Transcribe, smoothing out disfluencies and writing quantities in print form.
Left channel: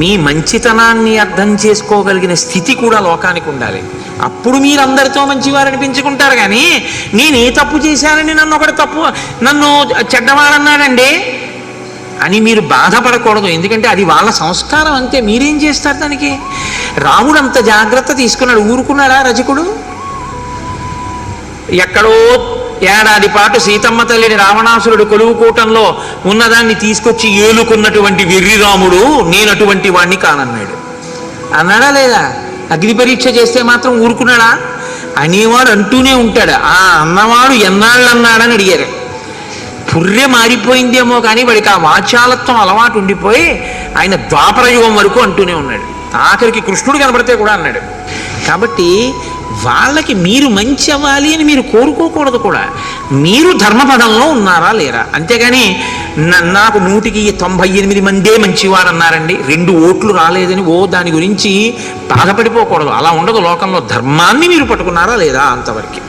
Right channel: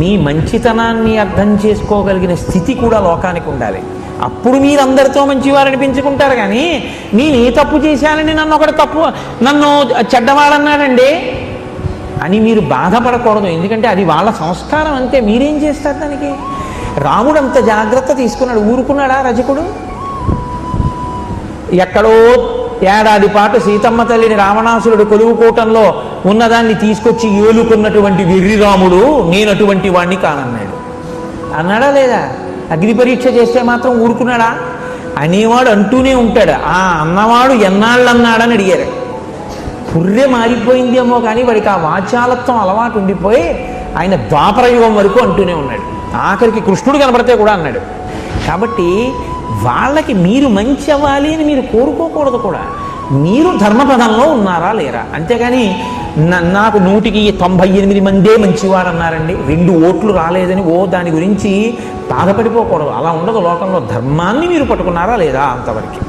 మీ మంచితనాన్ని అర్థం చేసుకోగలిగిన స్థితి కూడా లోకానికి ఉండాలి. అప్పుడు మీరు అందరితో మంచివారు అనిపించుకుంటారు. కానీ నేను ఏ తప్పు చేశానని నన్ను చెడ్డవాడన్నాడండి అని మీరు బాధపడకూడదు. ఎందుకంటే అది వాళ్ళ సంస్కారం అంతే. మీరేం చేస్తారు దానికి? రాముడు అంత జాగ్రత్త తీసుకున్నాడు. ఊరుకున్నాడా రజకుడు? ఎక్కడో ఏడాది పాటు సీతమ్మ తల్లిని రావణాసురుడు కొలువుకూటంలో ఉన్నదాన్ని తీసుకొచ్చి ఏలుకున్నటువంటి వెర్రిరాముడు నేను అటువంటి వాడిని కానన్నాడు. అన్నాడా లేదా? అగ్ని పరీక్ష చేస్తే మాత్రం ఊరుకున్నాడా? అనేవాడు అంటూనే ఉంటాడు. ఆ అన్నవాడు ఎన్నాళ్ళు అన్నాడని అడిగారు. పుర్రె మారిపోయిందేమో కానీ వాడికి ఆ వాచాలత్వం అలవాటు ఉండిపోయి ఆయన ద్వాపరయుగం వరకు అంటూనే ఉన్నాడు. ఆఖరికి కృష్ణుడు కనబడితే కూడా అన్నాడు. కాబట్టి వాళ్ళకి మీరు మంచి అవ్వాలి అని మీరు కోరుకోకూడదు కూడా. మీరు ధర్మపదంలో ఉన్నారా లేరా? అంతేగాని నాకు 198 మందే మంచివారు అన్నారండి, 2 ఓట్లు రాలేదని దాని గురించి బాధపడిపోకూడదు. అలా ఉండదు లోకంలో. ధర్మాన్ని మీరు పట్టుకున్నారా లేదా అంతవరకు.